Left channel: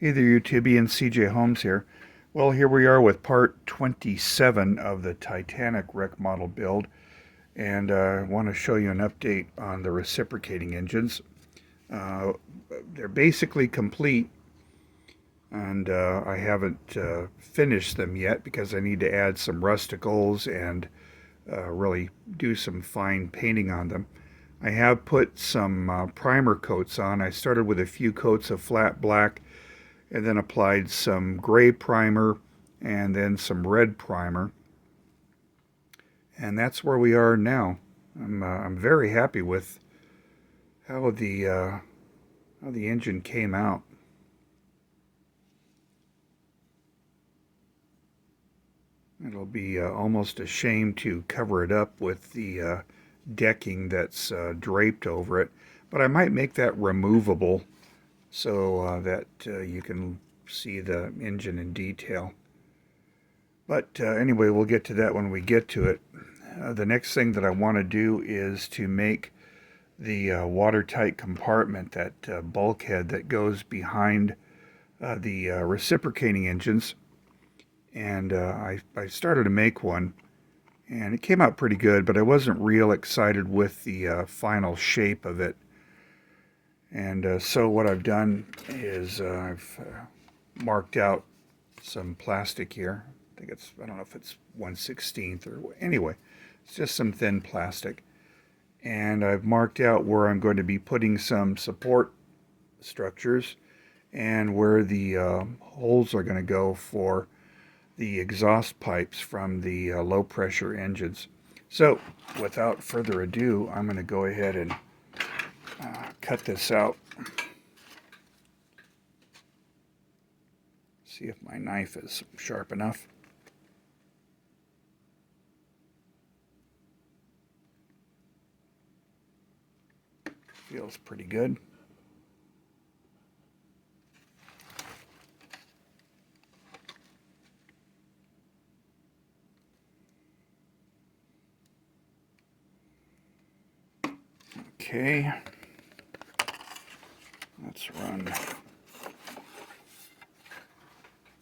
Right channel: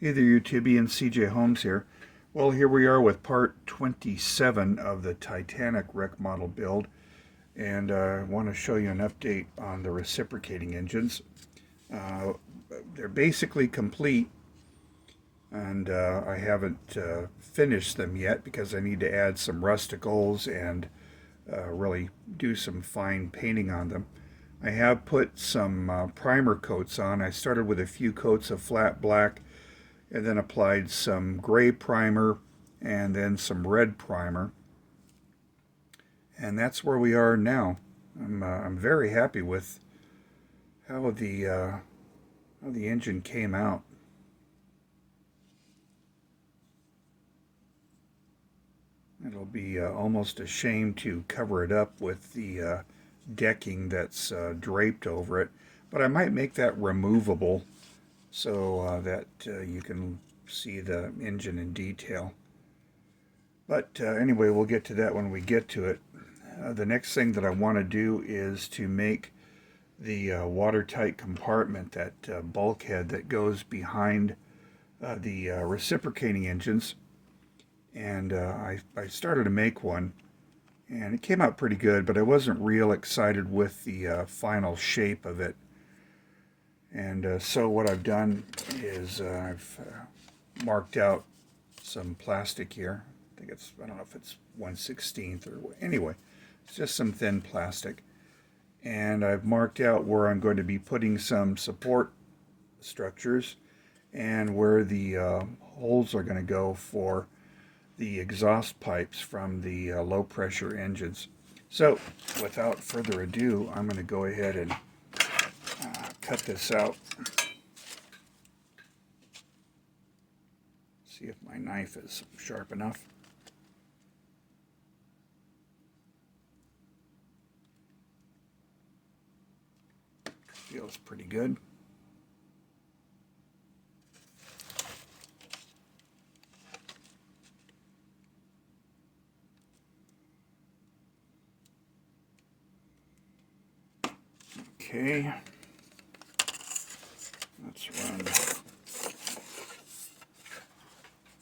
Hey there, YouTube, and CJ Holmes here. Well, here we are with part 27 of the Titanic Wreck Model build, and I want to show you an update on the reciprocating engines. They're basically complete, and I haven't finished them yet because I need to add some rusticles and really do some fine painting on them. I have put some primer coats on. I started with a few coats of flat black and then applied some gray primer and then some red primer. And that's where we are now. I'm very happy with how the engine came out. It'll be almost a shame to cover it up with the decking that's draped over it, but I might make that removable so that you can see the engine in detail. But anyway, we'll get to that when we get to it. The next thing that I want to do is to make the watertight compartment, that bulkhead that goes behind the reciprocating engines. And I started to make one, and it came out pretty good, but I wasn't real excited with the final shape of it. And so what I've done is I've marked out some plastic here. I don't know if it's 1/16 or anyway, it's just some thin plastic. And I've marked out where I'm going to be putting some support structures and where the holes are going to go for the exhaust pipes from the low pressure engines. So without further ado, I'm going to go ahead and cut this out. See if my knife is sharp enough. Feels pretty good. Okay. Let's run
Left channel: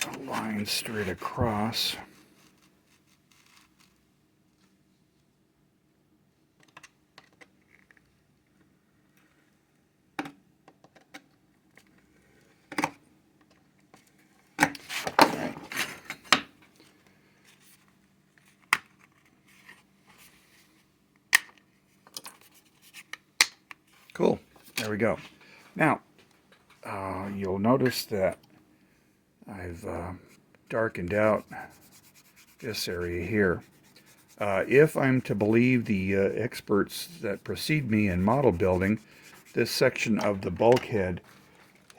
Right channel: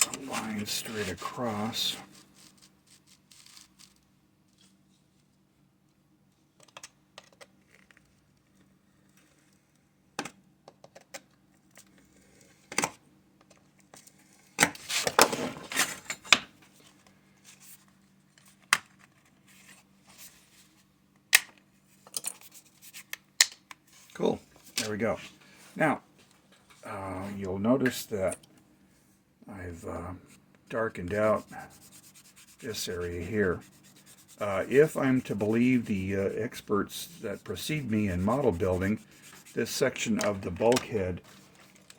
a line straight across. Cool. There we go. Now, you'll notice that I've darkened out this area here. If I'm to believe the experts that precede me in model building, this section of the bulkhead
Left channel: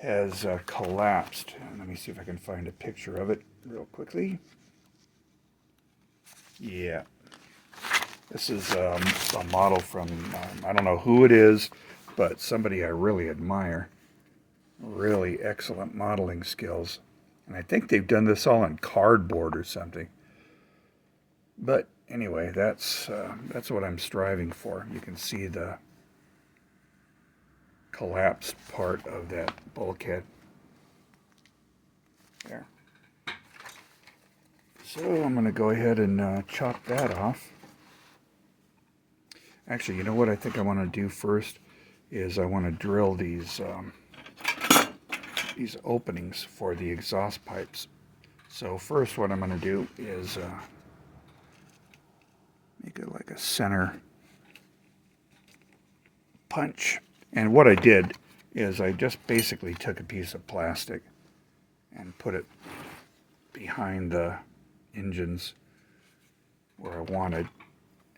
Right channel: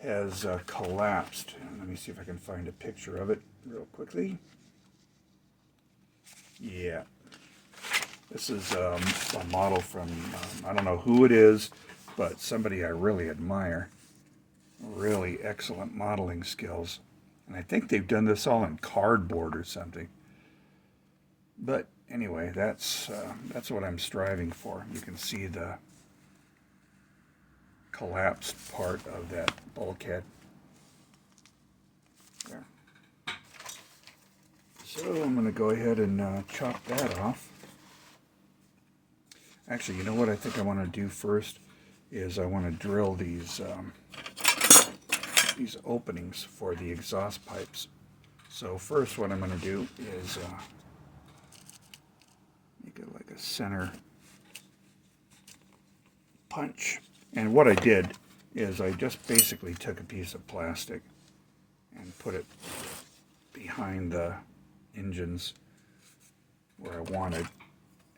has collapsed. Let me see if I can find a picture of it real quickly. Yeah. This is a model from, I don't know who it is, but somebody I really admire. Really excellent modeling skills. And I think they've done this all in cardboard or something. But anyway, that's what I'm striving for. You can see the collapsed part of that bulkhead. There. So I'm going to go ahead and chop that off. Actually, you know what I think I want to do first is I want to drill these openings for the exhaust pipes. So first what I'm going to do is make it like a center punch. And what I did is I just basically took a piece of plastic and put it behind the engines where I wanted,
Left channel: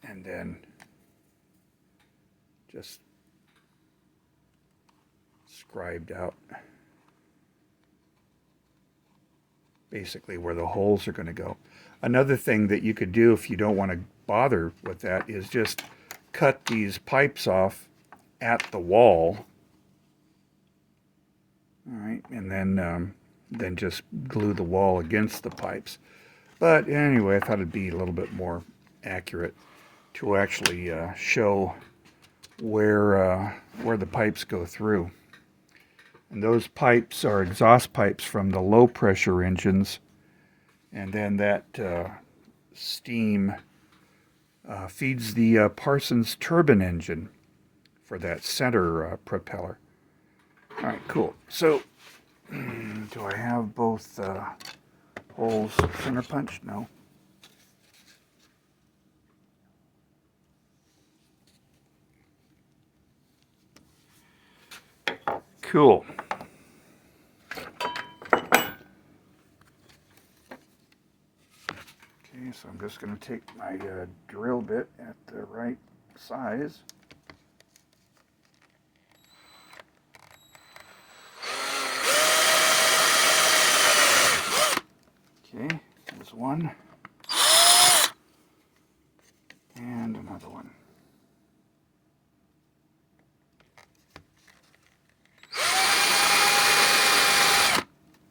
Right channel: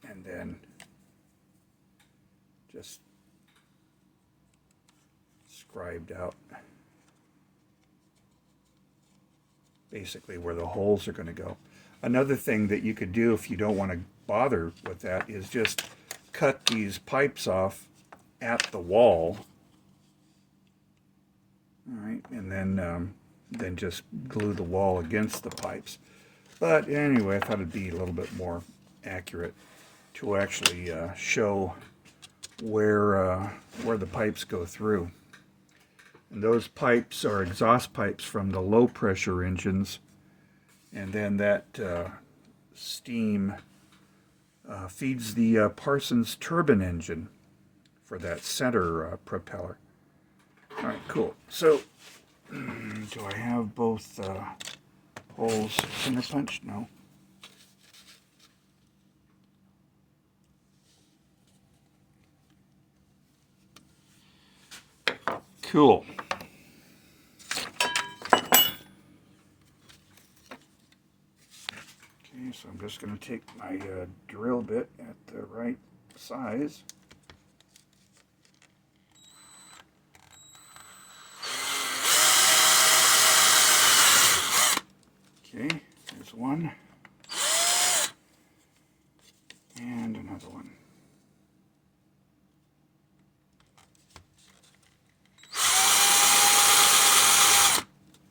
and then just scribed out basically where the holes are going to go. Another thing that you could do if you don't want to bother with that is just cut these pipes off at the wall. All right, and then just glue the wall against the pipes. But anyway, I thought it'd be a little bit more accurate to actually show where the pipes go through. And those pipes are exhaust pipes from the low pressure engines. And then that steam feeds the Parsons turbine engine for that center propeller. All right, cool. So, do I have both holes center punched? No. Cool. Okay, so I'm just going to take my drill bit at the right size. Okay, there's one. And another one.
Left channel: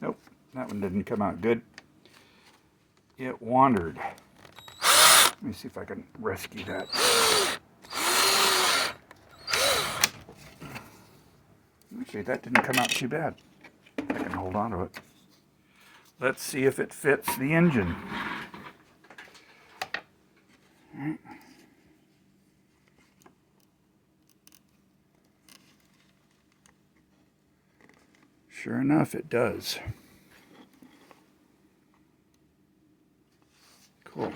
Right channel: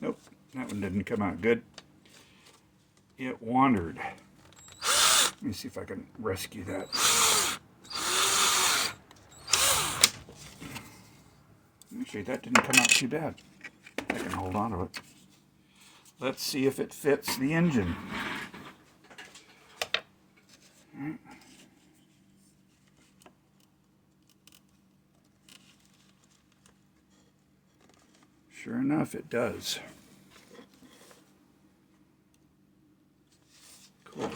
Nope, that one didn't come out good. It wandered. Let me see if I can rescue that. Actually, that didn't come out too bad. I can hold on to it. Let's see if it fits the engine. All right. Sure enough, it does. Cool.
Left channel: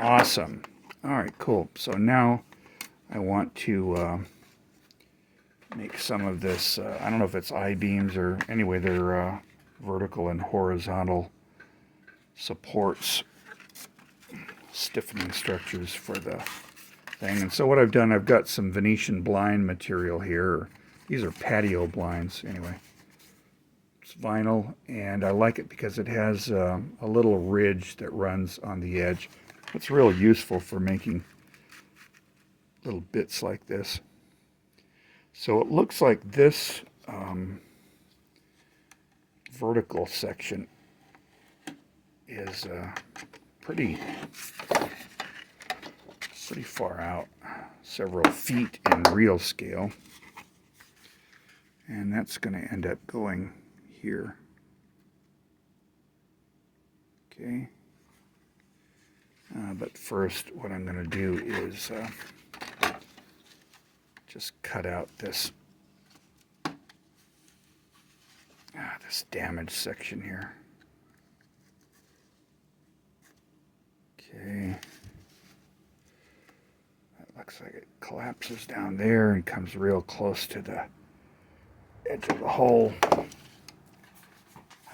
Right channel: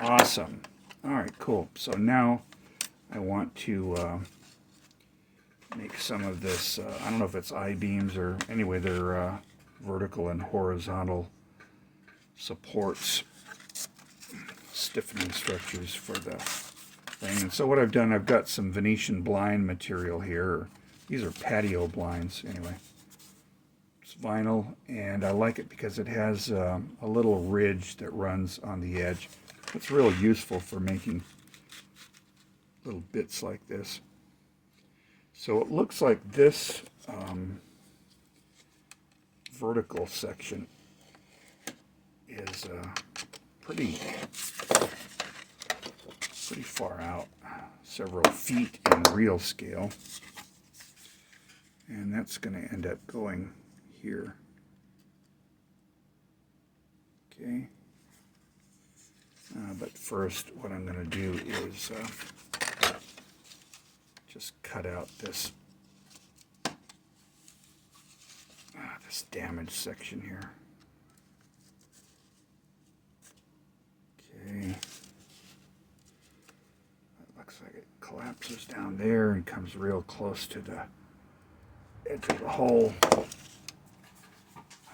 Awesome. All right, cool. So now I want to make some of this, I don't know if it's I-beams or anyway, they're vertical and horizontal supports, stiffening structures for the thing. And so what I've done, I've got some Venetian blind material here. These are patio blinds anyway. It's vinyl, and I like it because it has a little ridge that runs on the edge. It's real useful for making little bits like this. So it looks like this vertical section is pretty far out, several feet in real scale. And that's going to end up going here. Okay. But first, what I'm going to do is just cut out this this damaged section here. Okay. That looks like it collapses down there and comes real close to the edge of the hole.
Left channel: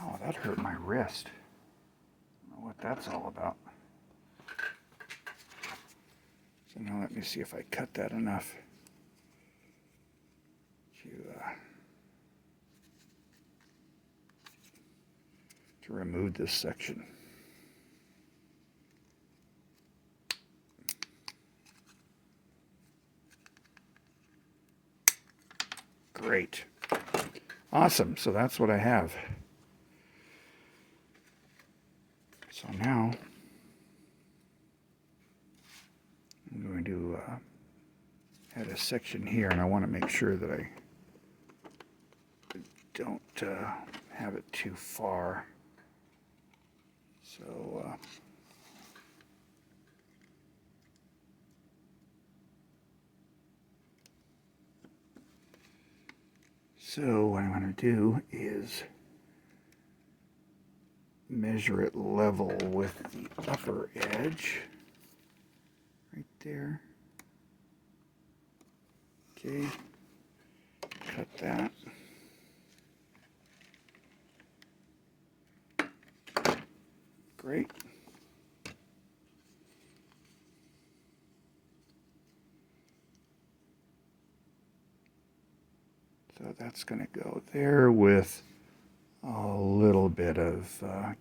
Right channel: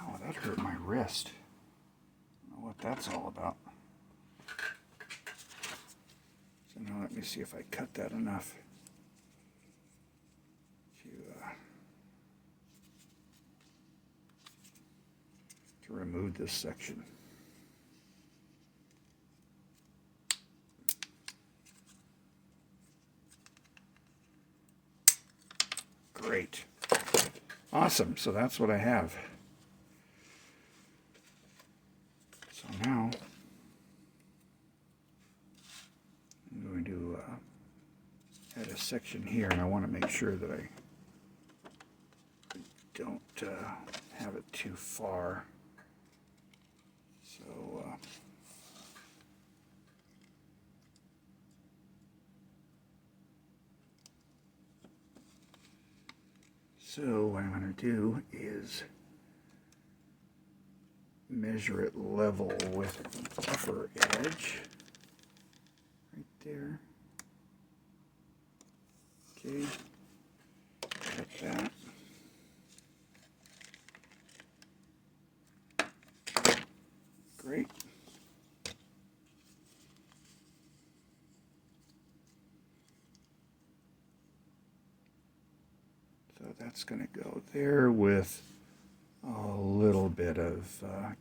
Oh, that hurt my wrist. I don't know what that's all about. So now let me see if I cut that enough to remove this section. Great. Awesome. So that's what I have. So now I'm going to add a section here, and I want to make sure that I don't have it too far. So what I'm going to do is measure it level with the upper edge, right there. Okay, cut that. Great. So that's going to go there with a little bit of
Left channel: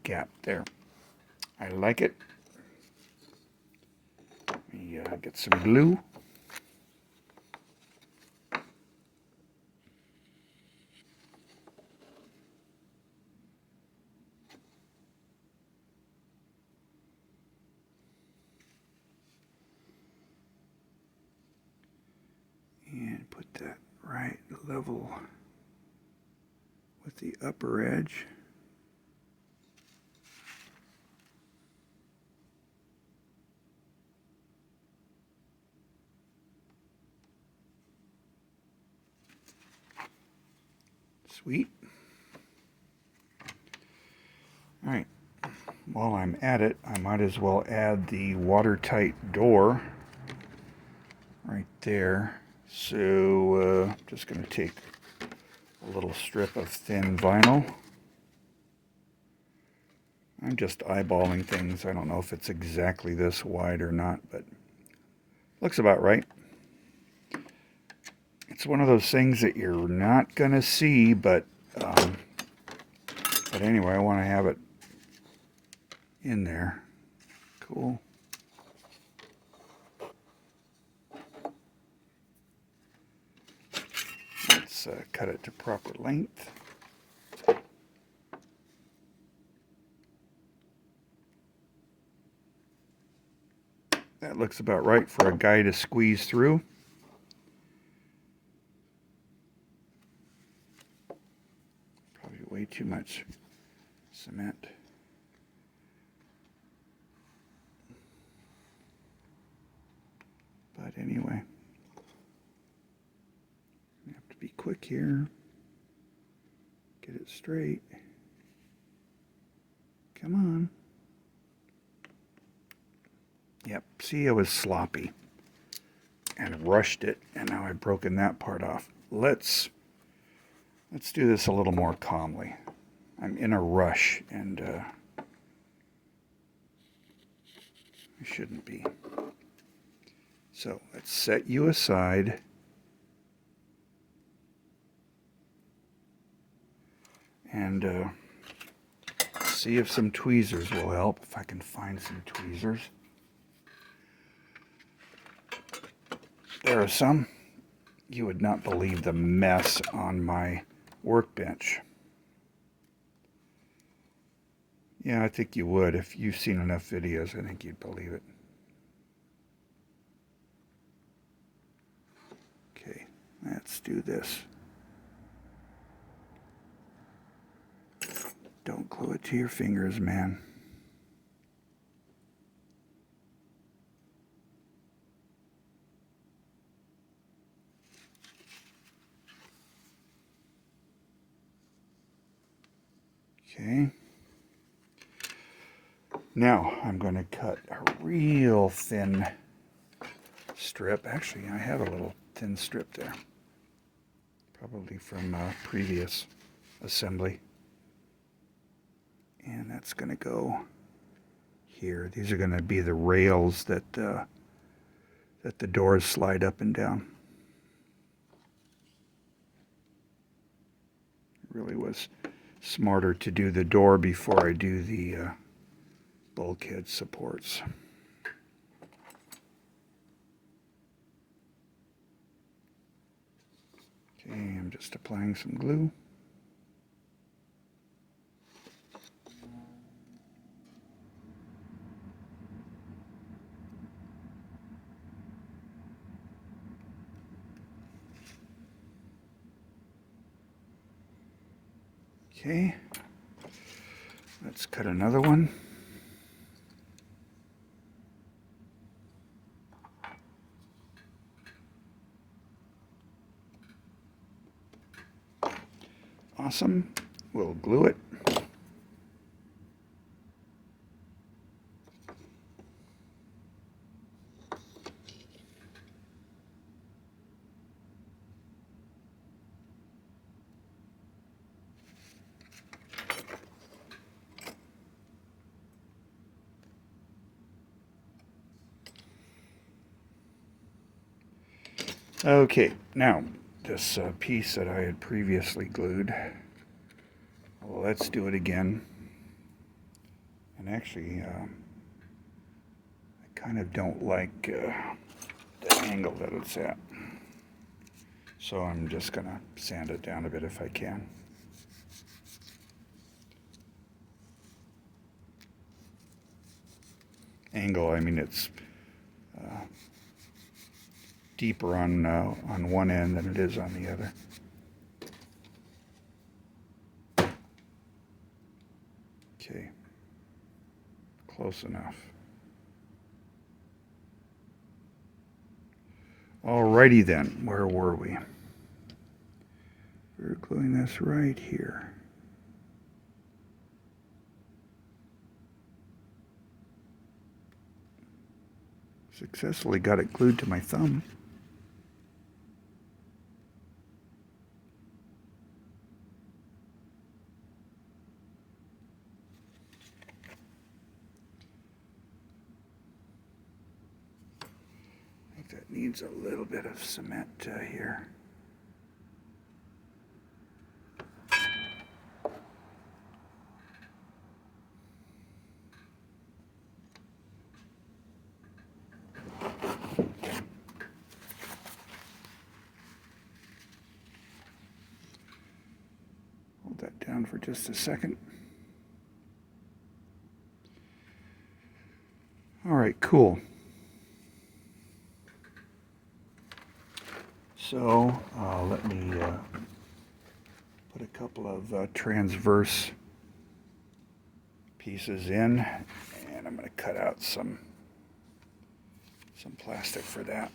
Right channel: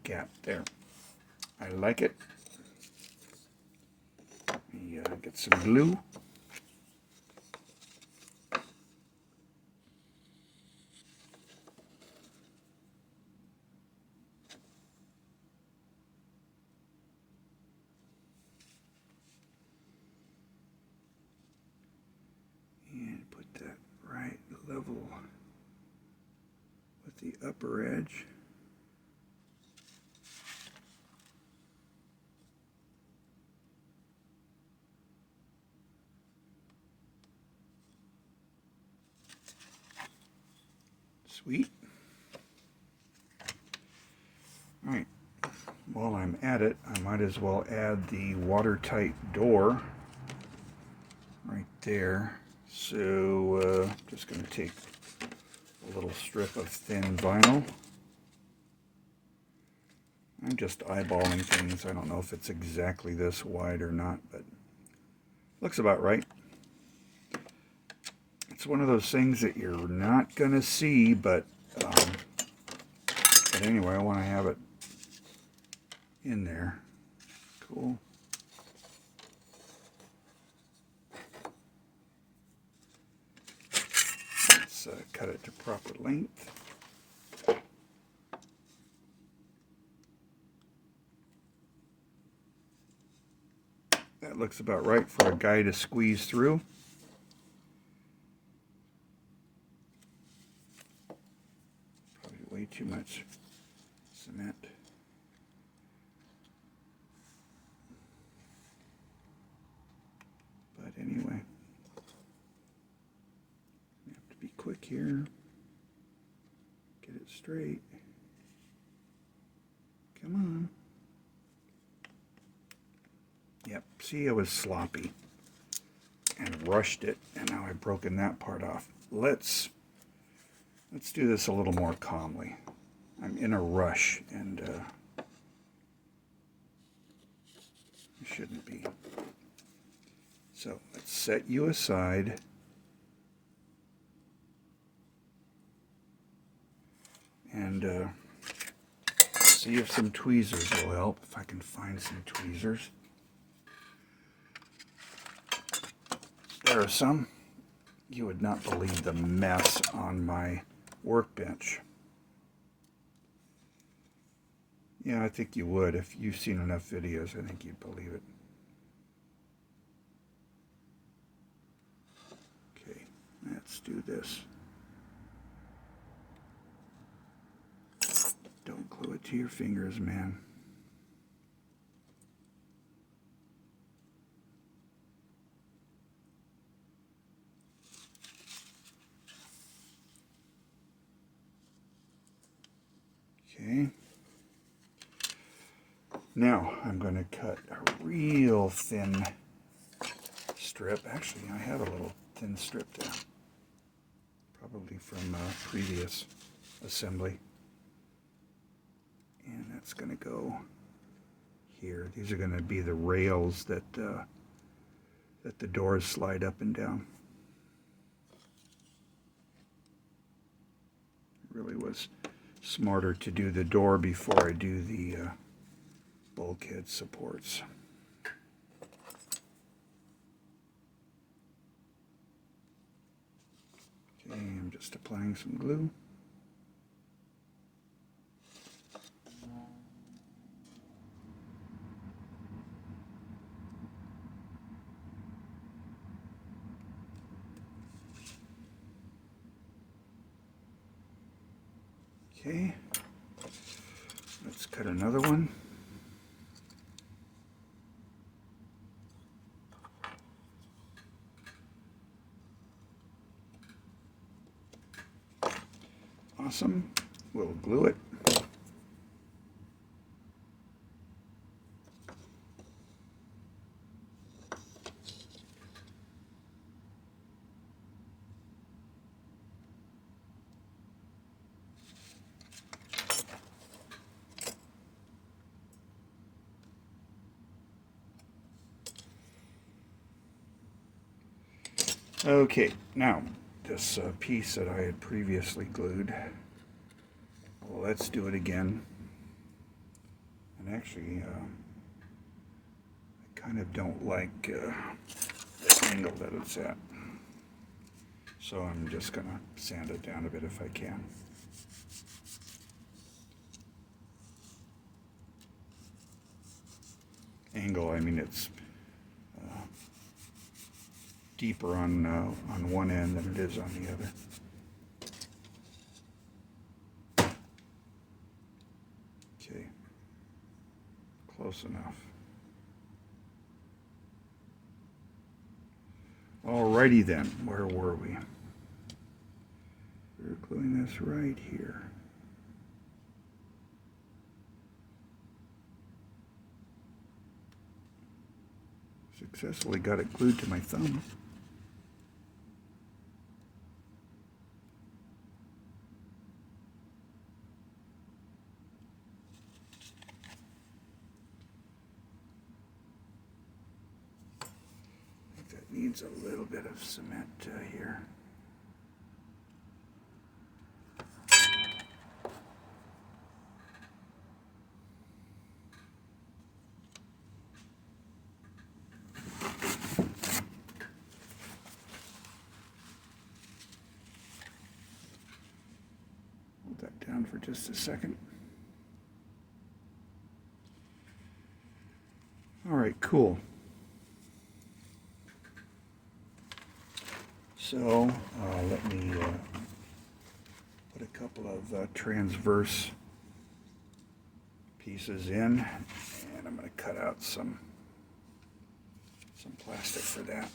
gap there. I like it. Let me get some glue. that right level with the upper edge. Sweet. All right, while I'm at it, I might as well add the watertight door right there. So just going to take a little strip of thin vinyl. I'm just eyeballing things. I don't know if it's exactly this wide or not, but looks about right. It's one of those things that you're not going to see, but anyway, I want to have it in there. Cool. Let's cut it to proper length. That looks about right for a guy to squeeze through. Probably way too much cement. But anyway, you have to be quick here. Get it straight. Come on. Yep, see, I was sloppy and rushed it, and now I've broken that part off. Let's do this a little more calmly. I'm in a rush, and I shouldn't be. So let's set you aside. And see if some tweezers will help, if I can find some tweezers. There are some. You would not believe the mess on my workbench. Yeah, I think you would. If you've seen enough videos, I think you'd believe it. Okay, let's do this. Don't glue it to your fingers, man. Okay. Now I'm going to cut a real thin strip. Actually, I have a little thin strip there. Probably from previous assembly. And that's going to go here. These are going to be the rails that the doors slide up and down. It really was smarter to do the door before I do the bulkhead supports. Okay, I'm just applying some glue. Okay, let's cut another one. Awesome. We'll glue it. Okay, now this piece that I had previously glued, well, let's do it again. And actually, I kind of don't like the angle that it's at. So I'm just going to sand it down a bit if I can. Angle, I mean it's deeper on one end than it is on the other. Okay, close enough. Alrighty then, where were we? We're gluing this right here. Successfully got it glued to my thumb. I think that needs a little bit of cement here. Down for just a second. All right, cool. So let me put a couple of transverse pieces in, and I'm going to cut out some plastic for that.